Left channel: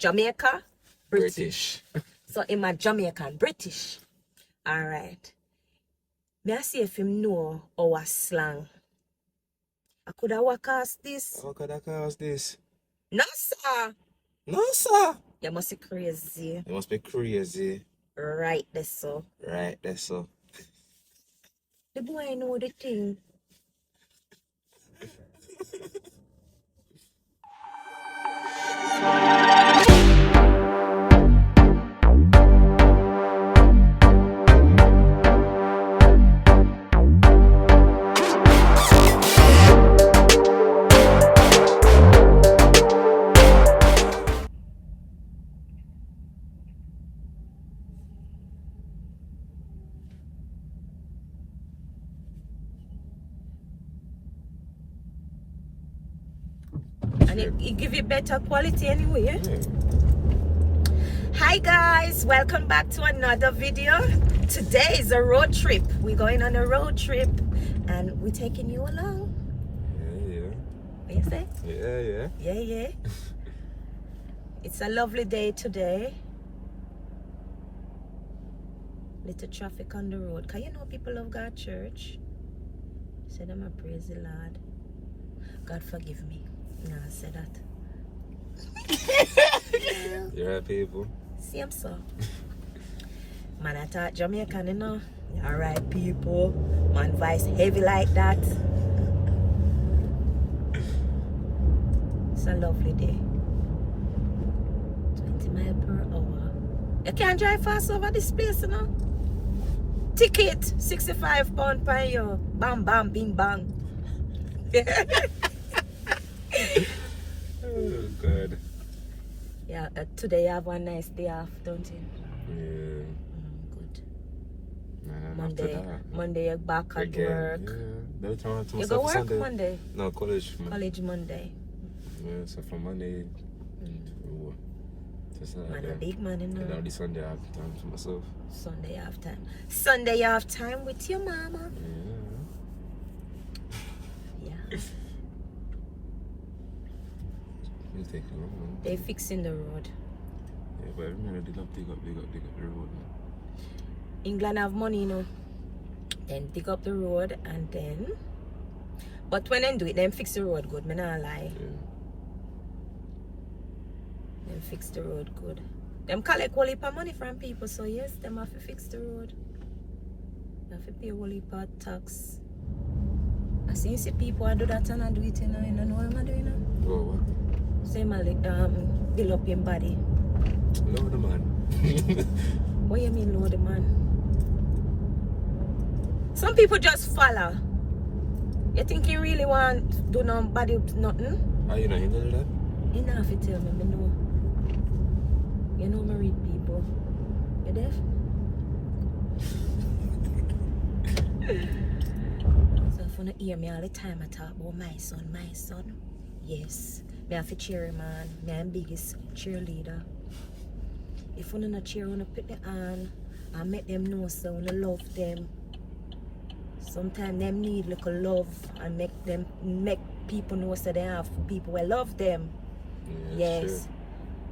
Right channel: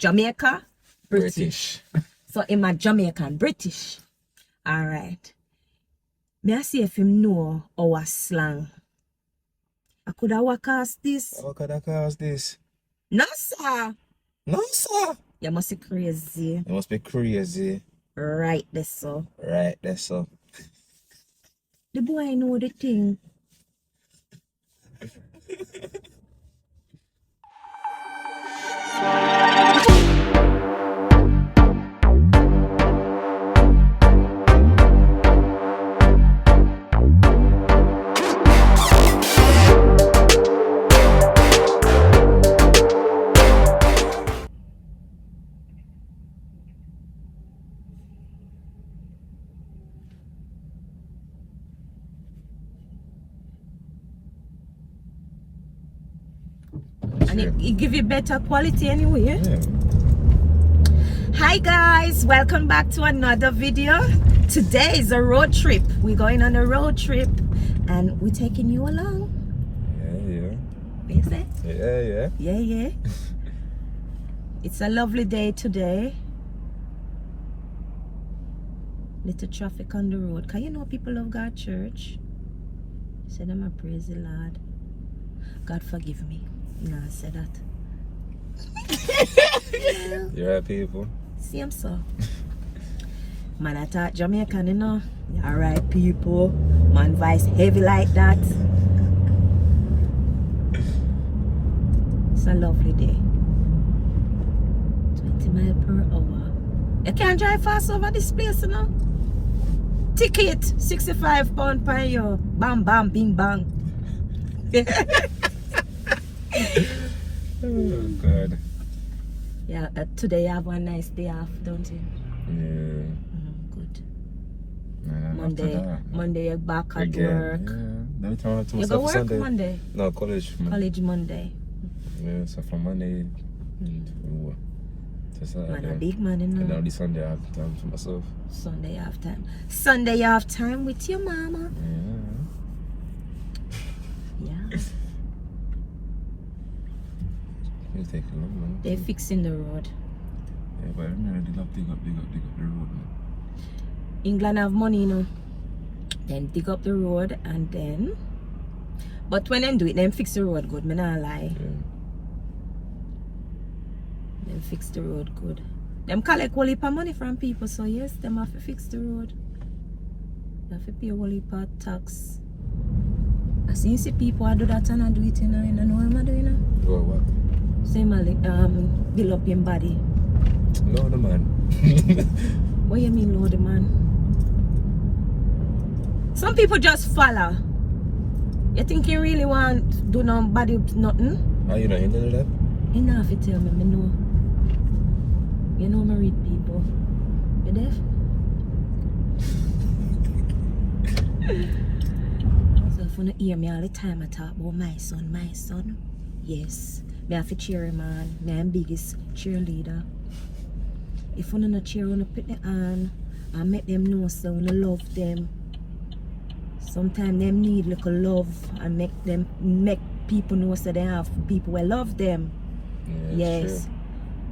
Jamaica, British. So I'm a Jamaican, British. Alright. May I see if him know our slang? I could have walk past this. How could I cast this? No, sir. No, sir. You must be crazy. You must be crazy. Right there, so. Right there, so. The boy know the thing. And it give you better quality anyway. Yeah. Hi guys, welcome back to another video. Today is a road trip. We're going on a road trip and we're taking you along. Yeah. What you say? Yeah. Yeah. It's a lovely day today. Little traffic on the road. Cause you know people of God church. Say them a praise the Lord. God forgive me. Nah, I said that. You right, people? See, I'm so. Man, I talk Jamaican, you know. Alright, people. Man, voice heavy like that. It's a lovely day. 20 miles per hour. You can't drive fast over this place, you know. Ticket, £65 per year. Bam, bam, bing, bang. Oh, God. Yeah, today you have one nice day off, don't you? Yeah. Good. After Monday you're back at again, work. Yeah. Every time I have to You go myself work Sunday. Monday? No, college. College Monday. Yeah, so from Monday to Saturday. Man, a big man, you And know. now this Sunday I have time for myself. Sunday you have time. Sunday you have time with your mama. Yeah. Yeah. You take a long, man. They fixing the road. Yeah, but every dig up the road, man. England have money, you know. Then dig up the road and then. But when them do it, them fix the road good. Me not lie. Yeah. Them fix the road good. Them collect whole heap of money from people, so yes, them have to fix the road. They have to pay a whole heap of tax. I see people do that and I do it, you know. You know what I'm doing, you know? Oh, what? Same build up your body. Load the man. What you mean load the man? Some people just follow. You think you really want do nobody nothing? Are you not into that? You know if you tell me know. You know me read people. You deaf? So if you don't hear me all the time I talk about my son. Yes. Me have to cheer him on. Me am biggest cheerleader. If you don't cheer, you put me on and make them know so you love them. Sometimes them need little love and make people know so they have people will love them. Yeah, Yes. sure.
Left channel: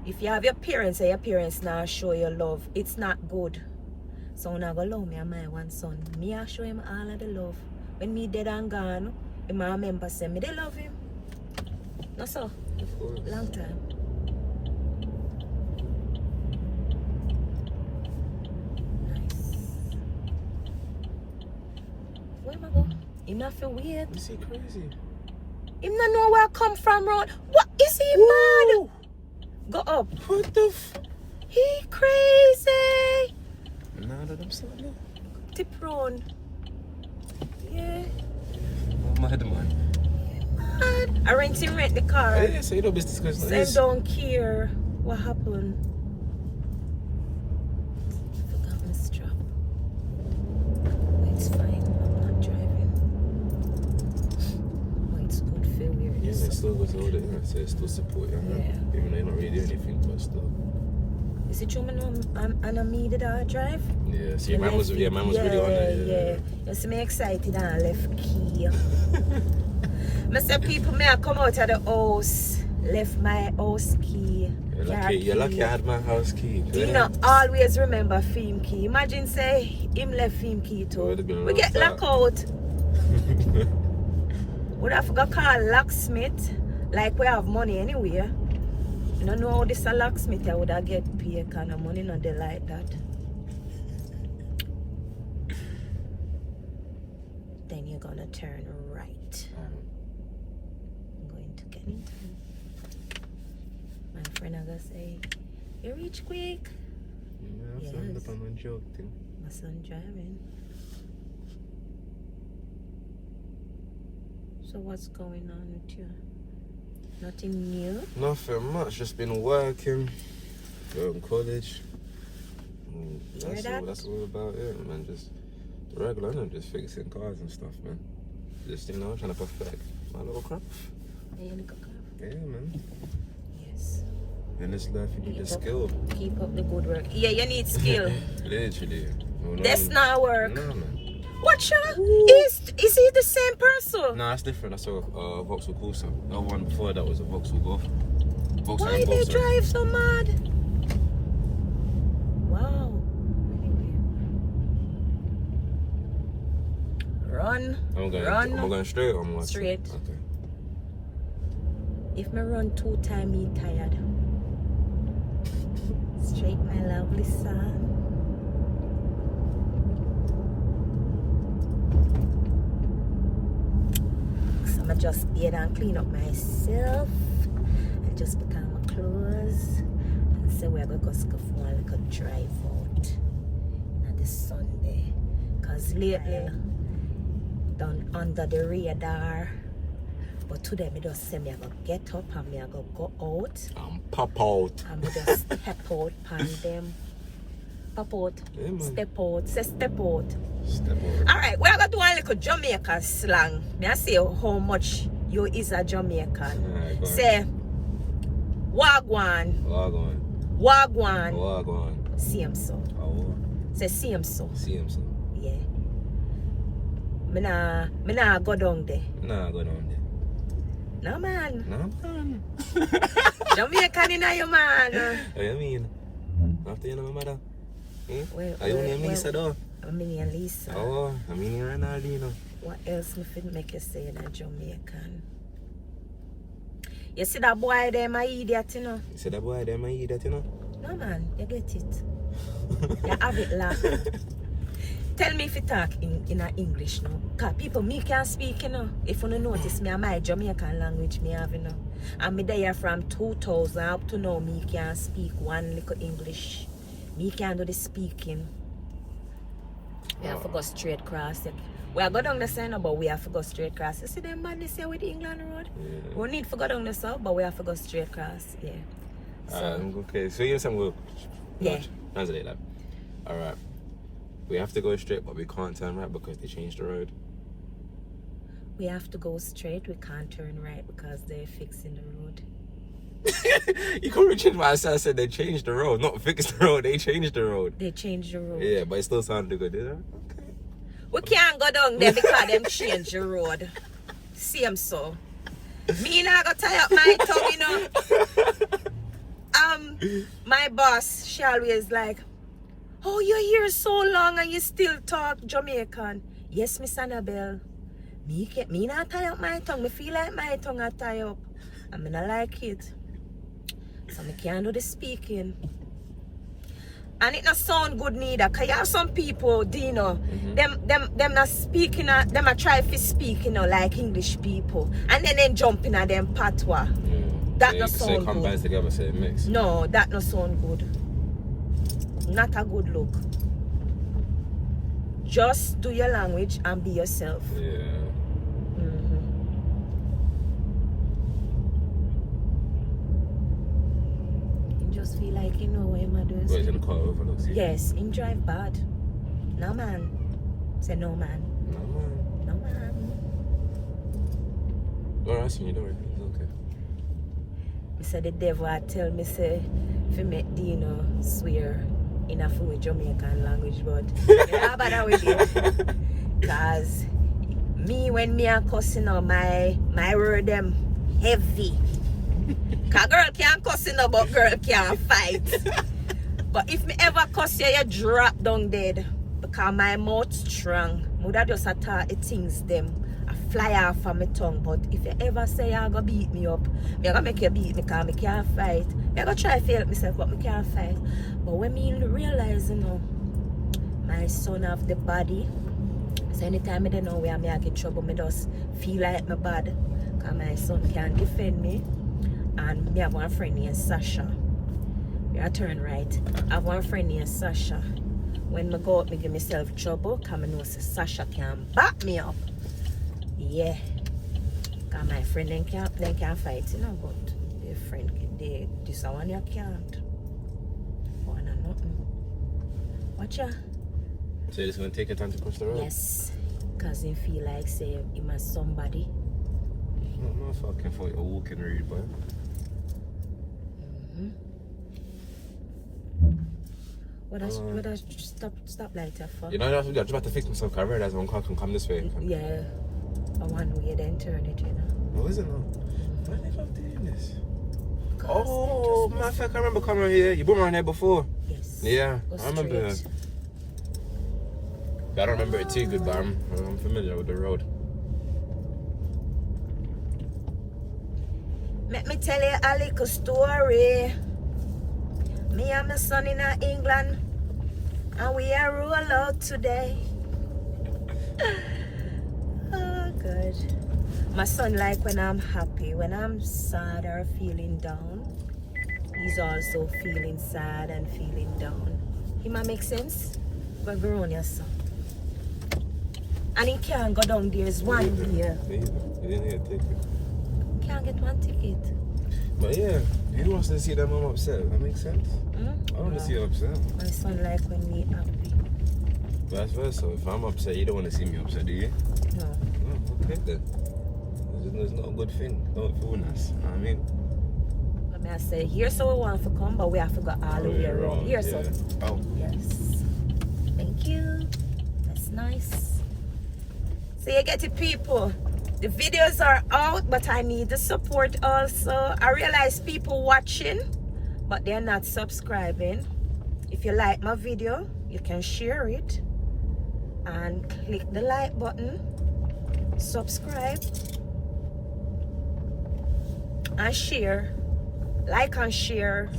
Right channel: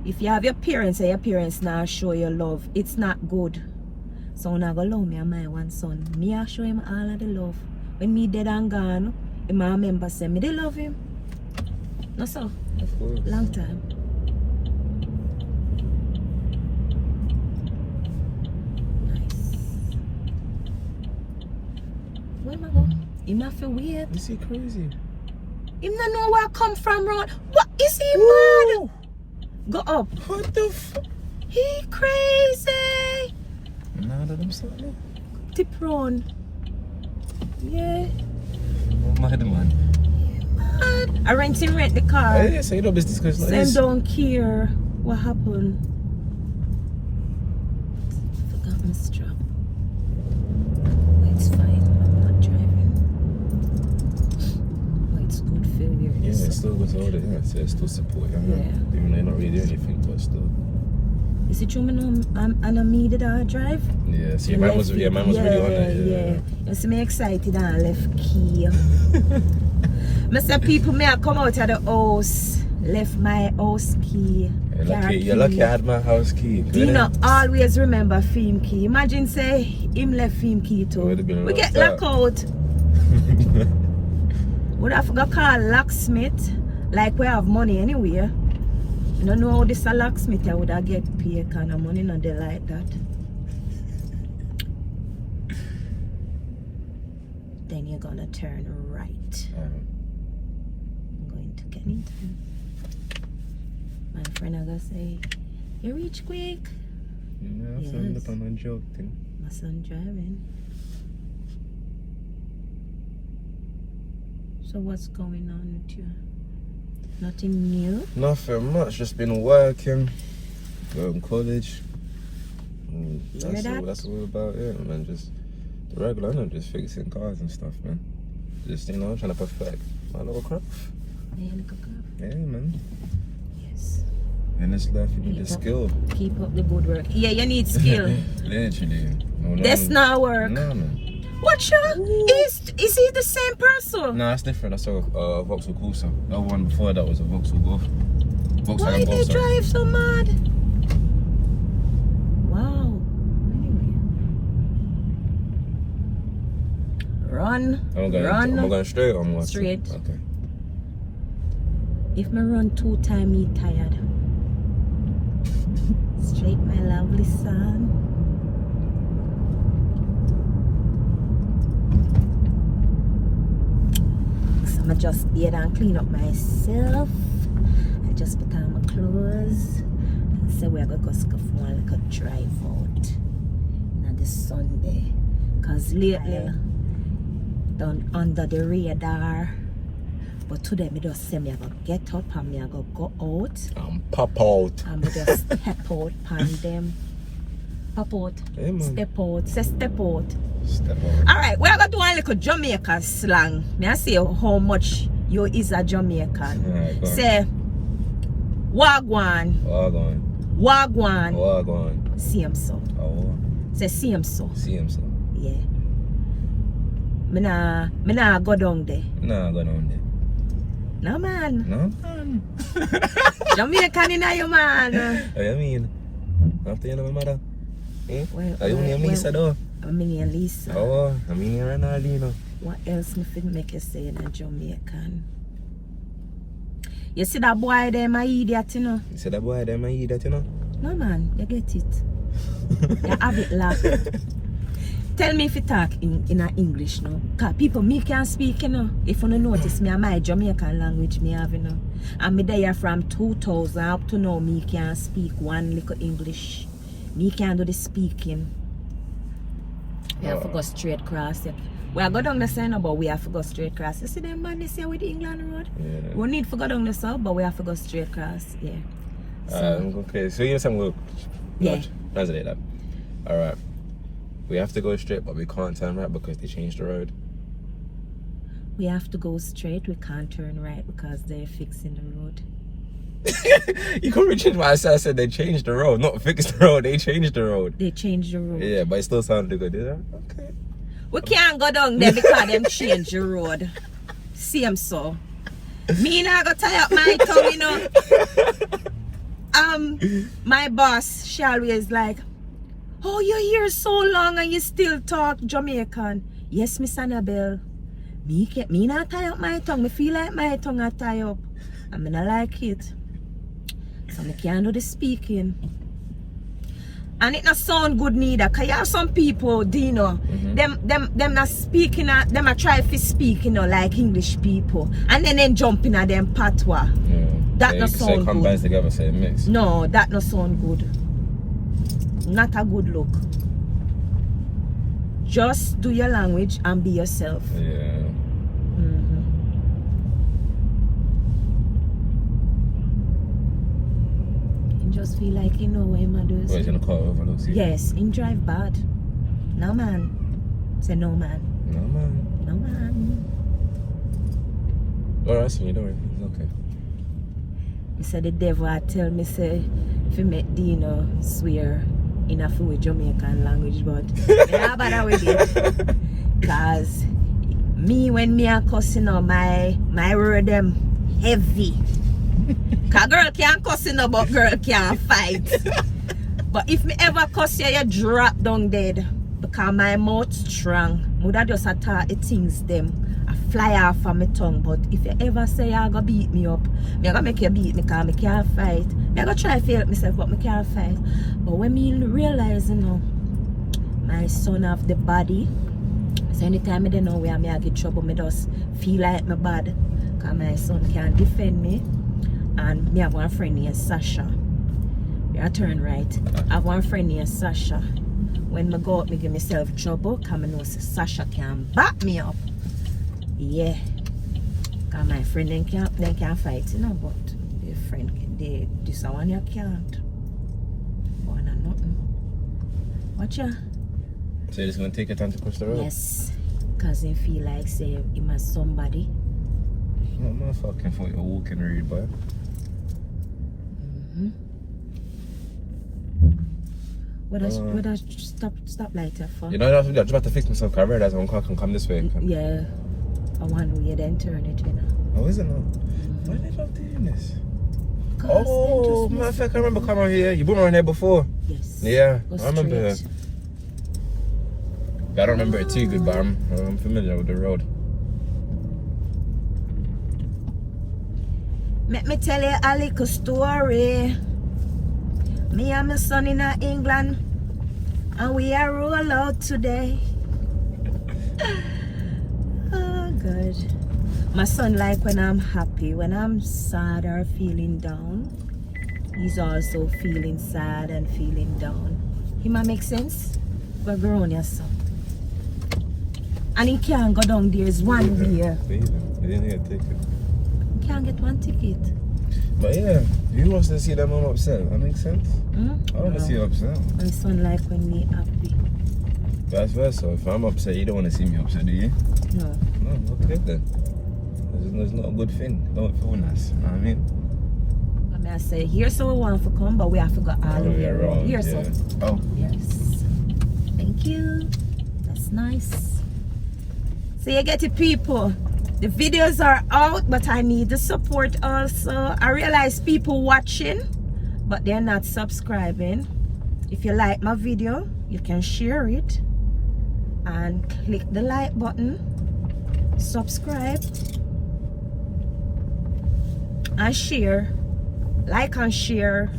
If you have your parents and your parents now show your love, it's not good. So I'm not gonna love me and my one son. Me I show him all of the love. When me dead and gone, him I remember say me they love him. No so. Of course. Long time. Nice. Where am I going? Him not feel weird. Is he crazy? Him not know where I come from road. What is he mad? Go up. What the fuck? He crazy. None of them something? Tip round. Yeah. Mad man. Mad. I rent the car. Oh, yeah, so you know business because Same don't care what happened. Forgot my strap. But it's fine. I'm not driving. But it's good failure. Yeah, it's still good to hold it, yeah. So it's still support, you know? Yeah. Even though you're not really doing anything, but still. Is it true me know I'm me that I drive? Yeah, see, mine was really on it. Yeah. You see me excited and left key. I say people may come out of the house, left my house key You're lucky I had my house key. Dina always remember Fim key. Imagine say him left Fim key too. We get locked out. Would have got call locksmith. Like we have money anywhere. I don't know how this a locksmith I would have get paid kind of money, not they like that. Then you're gonna turn right. I'm going to get into it. My friend I gonna say, you reach quick. Yeah, Yes. I'm not on joke thing. My son driving. So what's going on with you? Nothing new? Nothing much, just been working, going to college. Hear that? That's all about it, man. Just the regular, I'm just fixing cars and stuff, man. Just, trying to perfect my little craft. Yeah, man. Yes. In this life, you need the skill. Keep up the good work. Yeah, you need skill. Literally. No, That's not work. No, man. What you? Is he the same person? No, that's different. That's a Vauxhall Corsa. That one before that was a Vauxhall Golf. Why they drive so mad? Wow. Anyway. Run. I'm going straight or what? Straight. Okay. If me run 2 times, me tired. Straight, my lovely son. So I'm just bathe and clean up myself. I just put on my clothes. And say we're going to go for like a drive out on this Sunday. Because lately, done under the radar. But today, me just say me I go get up and me I go out. Pop out. And me just step out pan them. Pop out. Yeah, Step out. Say step out. Step out. Alright, we're going to do a little Jamaican slang. Me I say how much you is a Jamaican. Alright, go on. Say wagwan. Wagwan. Wagwan. Wagwan. Same so. Oh. Say same so. Same so. Yeah. Me nah go down there. Nah, go down there. No man. No, man. Jamaican in your man. What you mean? After you know my mother? Eh? Well, Are you name Lisa though? I'm in Lisa. Oh, I'm in Ronaldinho. What else me fit make you say in a Jamaican? You see that boy there, my idiot, you know? You see that boy there, my idiot, you know? No man, you get it. You have it laugh. Tell me if you talk in a English now. Cause people me can speak, you know. If you don't notice me, my Jamaican language me have, you know. And me there from 2000 up to now, me can speak one little English. Me can do the speaking. We have to go straight across it. We are go down the sign, but we have to go straight across. You see them man this here with the England Road? Yeah. We need to go down the south, but we have to go straight across. Yeah. So, Okay, so you're saying we'll yeah. translate that. Alright. We have to go straight, but we can't turn right because they changed the road. We have to go straight. We can't turn right because they're fixing the road. You can't change what I said. I said they changed the road, not fixed the road. They changed the road. They changed the road. Yeah, but it still sounded good. Yeah? Okay. We can't go down there because them changed the road. Same so. Me not go tie up my tongue, you know. My boss, she always like, oh, you're here so long and you still talk Jamaican. Yes, Miss Annabelle. Me not tie up my tongue. Me feel like my tongue a tie up. And me not like it. So me can't do the speaking. And it not sound good neither. Cause you have some people, Dino, them not speaking, them a try to speak, like English people. And then they jump in at them patois. Yeah. That not sound good. Say combines together, say mix. No, that not sound good. Not a good look. Just do your language and be yourself. Yeah. You just feel like you know what him does. What, he's gonna car overlooks you? Yes, him drive bad. No man. Say no man. No man. No man. Alright, so you don't worry. It's okay. He said the devil tell me say if you make Dino swear in a full Jamaican language, but yeah, bother with it. Cause me when me a cussing on my word them heavy. Cause girl can't cuss you no, but girl can't fight. But if me ever cuss you, you drop down dead. Because my mouth strong. Mother just attack the things them. I fly off of my tongue. But if you ever say you're gonna beat me up, I'm gonna make you beat me because I can't fight. I'm gonna try to help myself, but I can't fight. But when me realize, you know, my son have the body. So anytime I don't know where I get trouble, I just feel like my bad. Because my son can't defend me. And me have one friend named Sasha. You turn right. I have one friend named Sasha. When I go out, I give myself trouble. Because I know Sasha can back me up. Yeah. Because my friend then can't fight, you know. But the friend, this one you can't. One or nothing. Watch ya. So you're just going to take your time to cross the road? Yes. Because he feel like say he must somebody. No, motherfucking thought you're walking rude, boy. What I stop lighter for? You know, I'm about to fix myself because I realized one car can come this way. Yeah. I want to then turn it, you know. Oh, is it not? Why are they not doing this? Oh, motherfucker, I remember coming here. You've been around here before? Yes. Yeah, Go I remember. straight. Yeah, I don't remember it too good, but I'm familiar with the road. Let me tell you a little story. Me and my son in England, and we are roll out today. Oh, good. My son like when I'm happy, when I'm sad or feeling down, he's also feeling sad and feeling down. He might make sense? But grow on your son. And he can't go down there, it's one day. I didn't get a ticket. He can't get one ticket. But yeah, you want to see that mom upset. That makes sense. I want to see you upset. My son like when me happy. Vice versa. If I'm upset, you don't want to see me upset, do you? No. No, okay then. It's not a good thing. Don't feel nice. You know what I mean? I mean, I say, here's so we want to come, but we have to go all the way around. Here, yeah. so. Oh. Yes. Thank you. That's nice. So you get it, people. The videos are out, but I need the support also. I realize people watching, but they're not subscribing. If you like my video, you can share it and click the like button, subscribe and share. Like and share.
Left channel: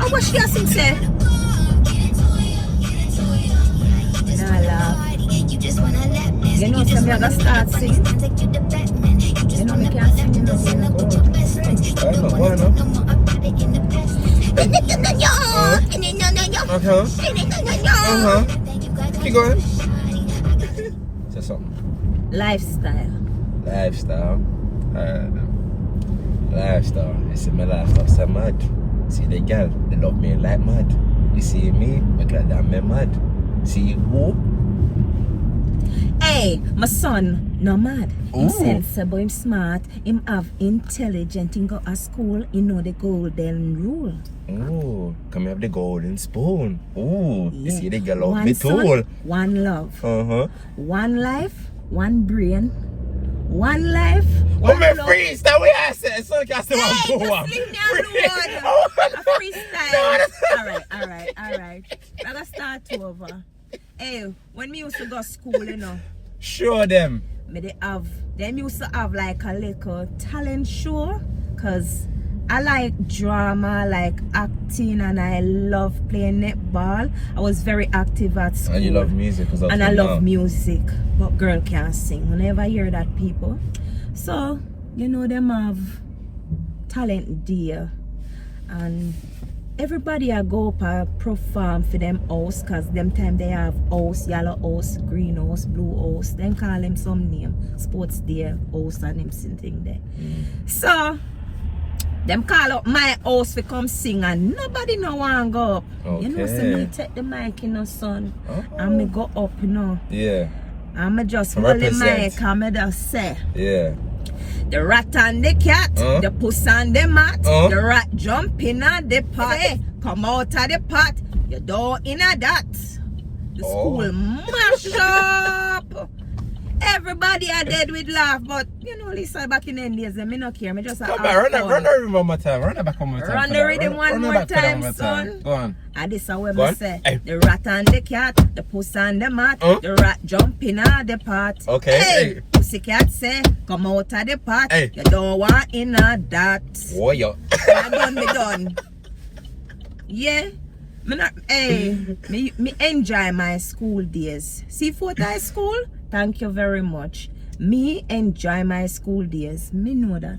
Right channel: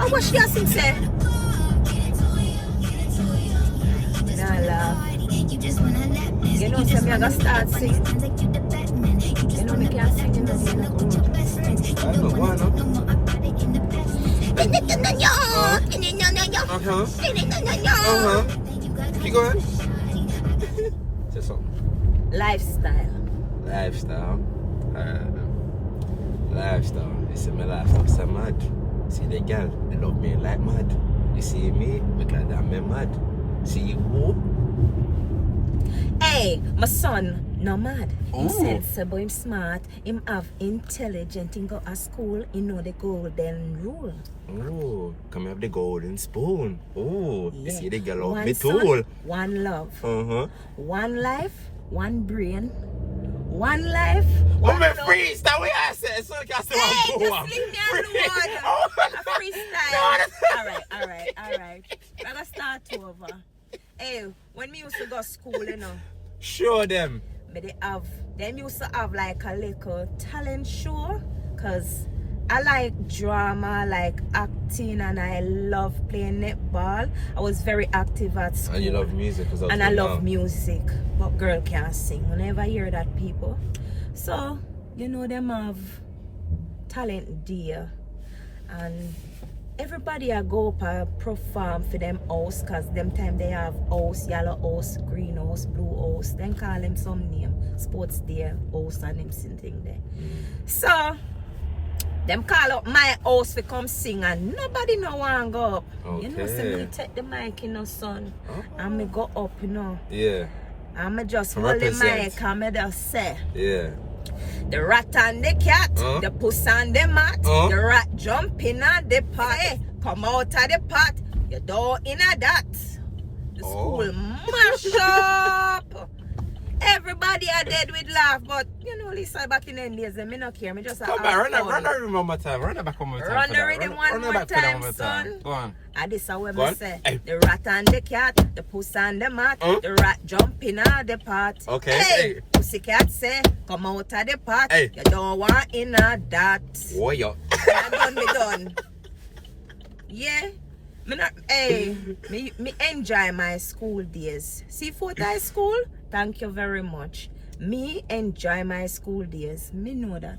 Oh, what she has to say? Nah, laugh. You know, so me I gotta start sing. You know, me can't sing, you know. Why not? Keep going. Say something. Lifestyle. Lifestyle. Lifestyle. You see my lifestyle so mad. See the girl, they love me like mad. You see me, because I'm mad. See who? Hey, my son, no mad. Him sensible, him smart, him have intelligent, him go to school, he know the golden rule. Oh, come have the golden spoon. Oh, you see the girl love One me son, too. one love. One life, one brain. One life, one I'm a love. freestyle, we are saying, so you can say Hey, one go just leave me alone. A freestyle. Alright. I gotta start over. Hey, when me used to go to school, you know. Show them. Them used to have like a little talent show. Cause I like drama, like acting, and I love playing netball. I was very active at school. And you love music as well. And I love music. But girl can't sing. Whenever I hear that people. So, you know, them have talent there. And everybody I go up and perform for them house, cause them time they have house, yellow house, green house, blue house. Then call them some name. Sports day house and them thing there. So them call up my house to come sing and nobody no want go up. Okay. You know, so me take the mic, you know, son. And me go up, you know. Yeah. And me just hold the mic and me just say. Yeah. The rat and the cat, the puss and the mat, the rat jump in at the pot, hey, come out of the pot, you don't in a that. The school mash up. Everybody are dead with laugh, but you know, Lisa, back in the days, me no care. Me just Run the rhythm one more time. Run it back one more time. Run the rhythm one more time, son. Go on. And this is what me say. Hey. The rat and the cat, the puss and the mat, the rat jumping out the pot. Okay. Hey, pussy cat say, come out of the pot. Hey. You don't want in a that. Oh, yo. Me done. Yeah. Me enjoy my school days. See, Fort High School, thank you very much. Me enjoy my school days. Me know that.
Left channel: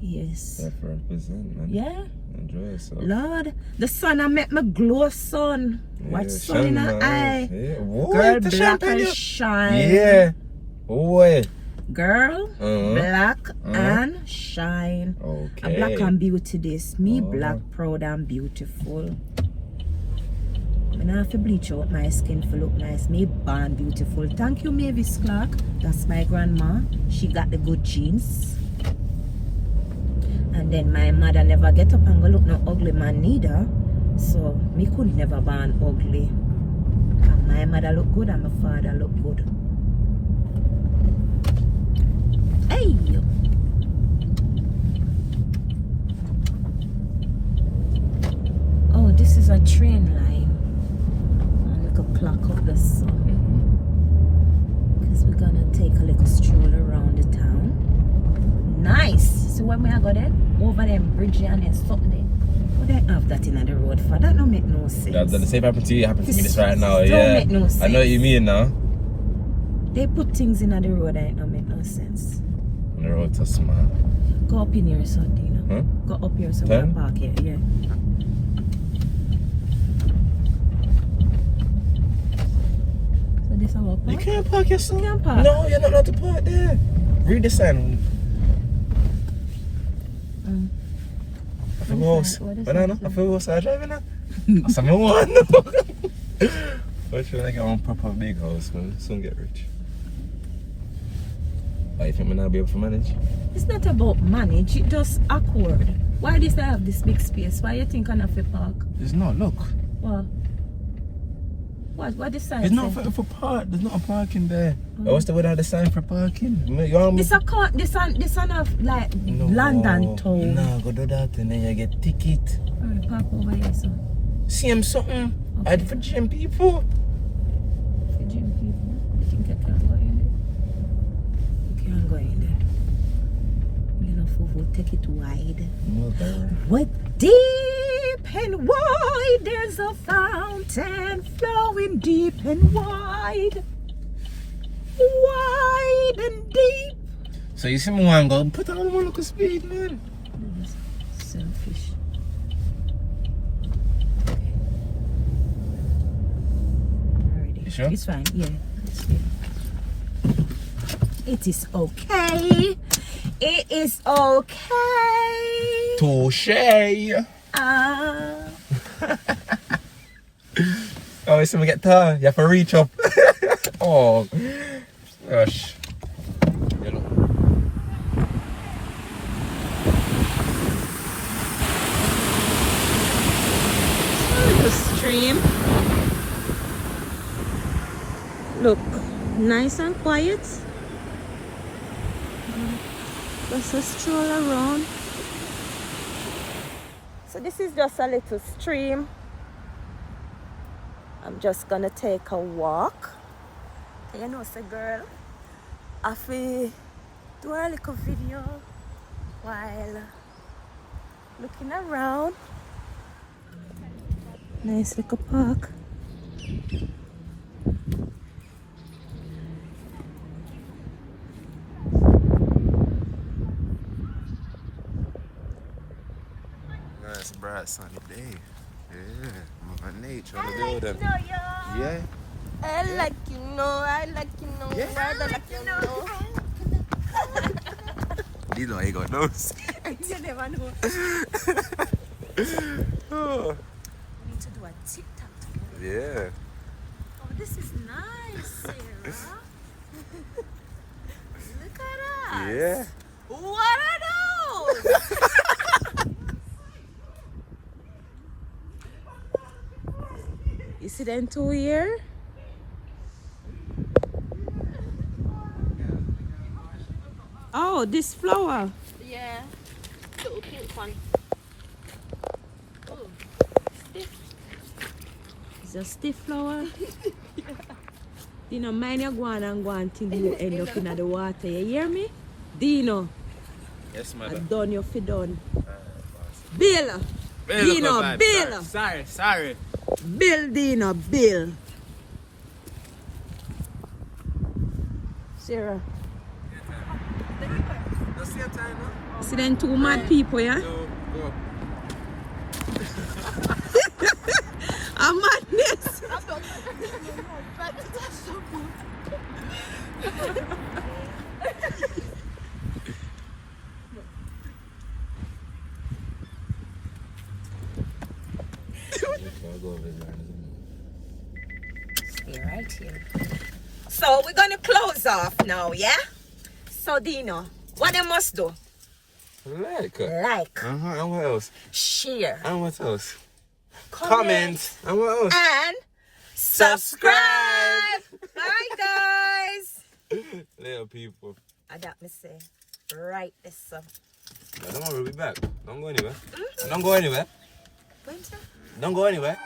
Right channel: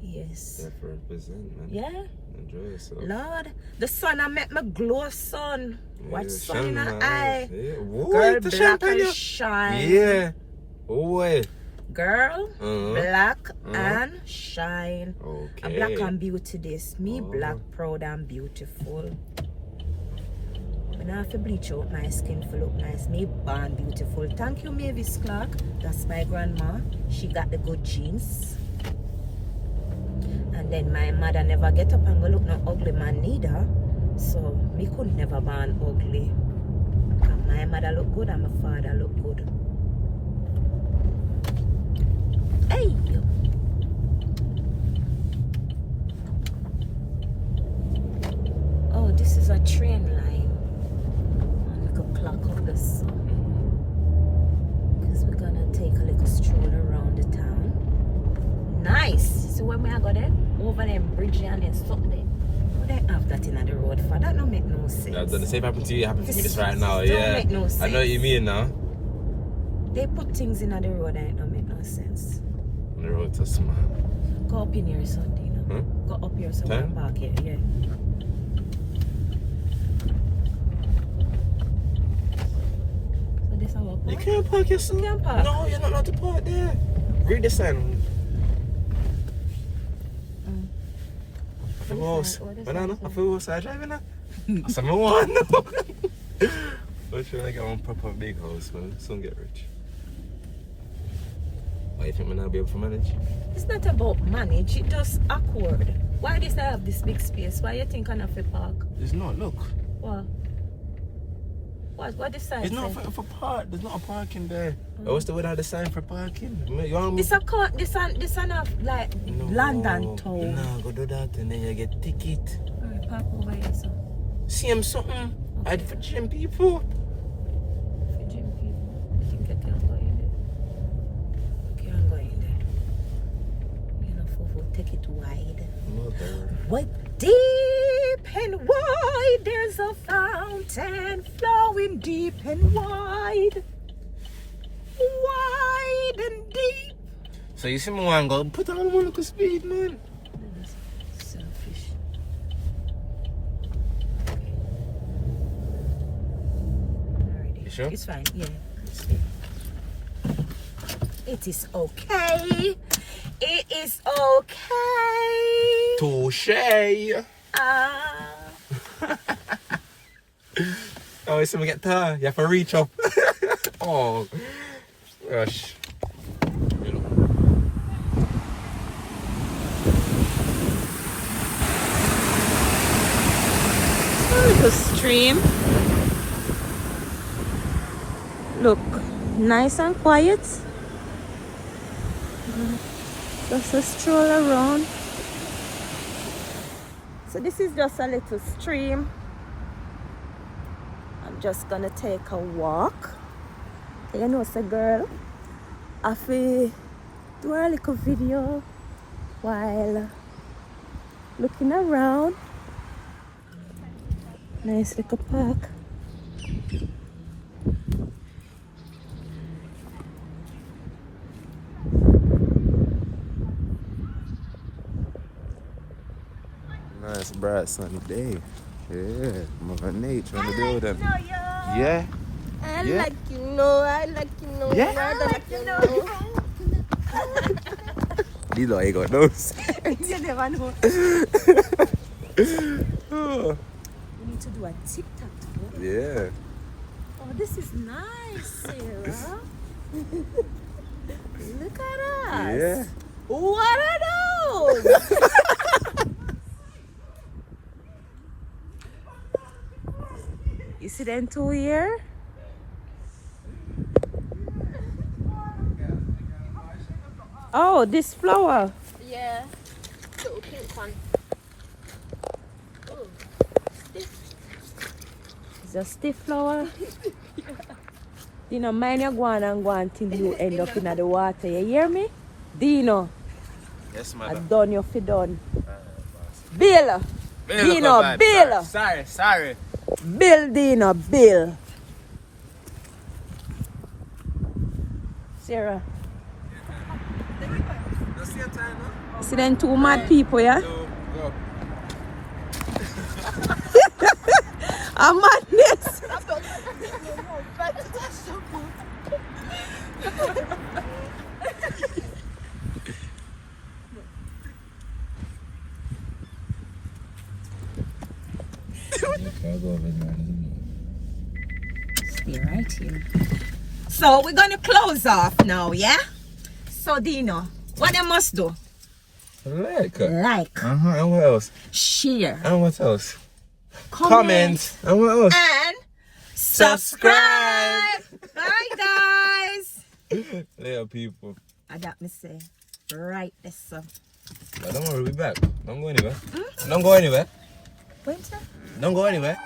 Yes. Yeah, for represent, man. Yeah. Enjoy yourself. Lord, the sun I make me glow, son. Watch sun in her eye. Yeah. Girl, black and shine. Yeah. Boy. Girl, black and shine. Okay. A black and beauty this. Me black, proud and beautiful. I don't have to bleach out my skin to look nice. Me born beautiful. Thank you, Mavis Clark. That's my grandma. She got the good genes. And then my mother never get up and go look no ugly man neither. So me could never born ugly. And my mother look good and my father look good. Hey! Oh, this is a train line. And we could clock up the sun. Because we're gonna take a little stroll around the town. Nice! See where we are go there? Over them bridge and then stop there. What they have that in the road for? That don't make no sense. Yeah, the same happened to you, happened to me this right now. Don't make no sense. I know what you mean now. They put things in the road that don't make no sense. On the road to smart. Go up in here, son, Dina. Huh? Go up here, so we'll park here. Yeah. So this is our park? You can't park your son. You can't park. No, you're not allowed to park there. Read the sign. I feel worse. Banana, I feel worse. I'm driving now. That's what I want. I'm trying to get one proper big house, man. Soon get rich. Why you think I'm not be able to manage? It's not about manage, it's just awkward. Why does I have this big space? Why you think I'm not for park? It's not, look. What? What the sign It's say? not for park. There's not a parking there. What's the word the sign for parking? This a of like London town. No, go do that and then you get ticket. Alright, park over here, so. Same something. Okay. I'd for gym people. For gym people. I think I can't go in there. Can't go in there. You know, Fufu, take it wide. No, bad. What deep and wide, there's a fountain flowing deep and wide. Wide and deep. So you see me one go, put on more local speed, man. Selfish. Okay. Alrighty. You sure? It's fine, yeah. It is okay. It is okay. Touche. Oh, so we get tired. You have to reach up. Oh, gosh. The stream. Look, nice and quiet. Just a stroll around. So this is just a little stream. I'm just gonna take a walk. You know, it's a girl. I feel do a little video while looking around. Nice little park. Nice bright sunny day. Yeah, Mother Nature in the building. Yeah. I like you know. Yeah. I like you know. You know I ain't got those. You never know. We need to do a TikTok together. Yeah. Oh, this is nice, Sarah. Look at us. Yeah. What are those? You see them two here? Oh, this flower. Yeah. Little pink one. Oh, stiff. It's a stiff flower. Dino, mind you go on and go on till you end up in the water. You hear me? Dino, Yes, I madam. done you fi done. Bill. Dino, Bill. Sorry. Bill, Dino, Bill. Sarah. See them two mad people, yeah? Go. A madness. Stay right here. So we're gonna close off now, yeah? So Dino, what they must do? Like. Like, And what else? share, And what else? comment, And what else? and subscribe. Bye guys. Yeah, people. I got me say, right this up. But don't worry, we'll be back. Don't go anywhere. Don't go anywhere. When's that? Don't go anywhere.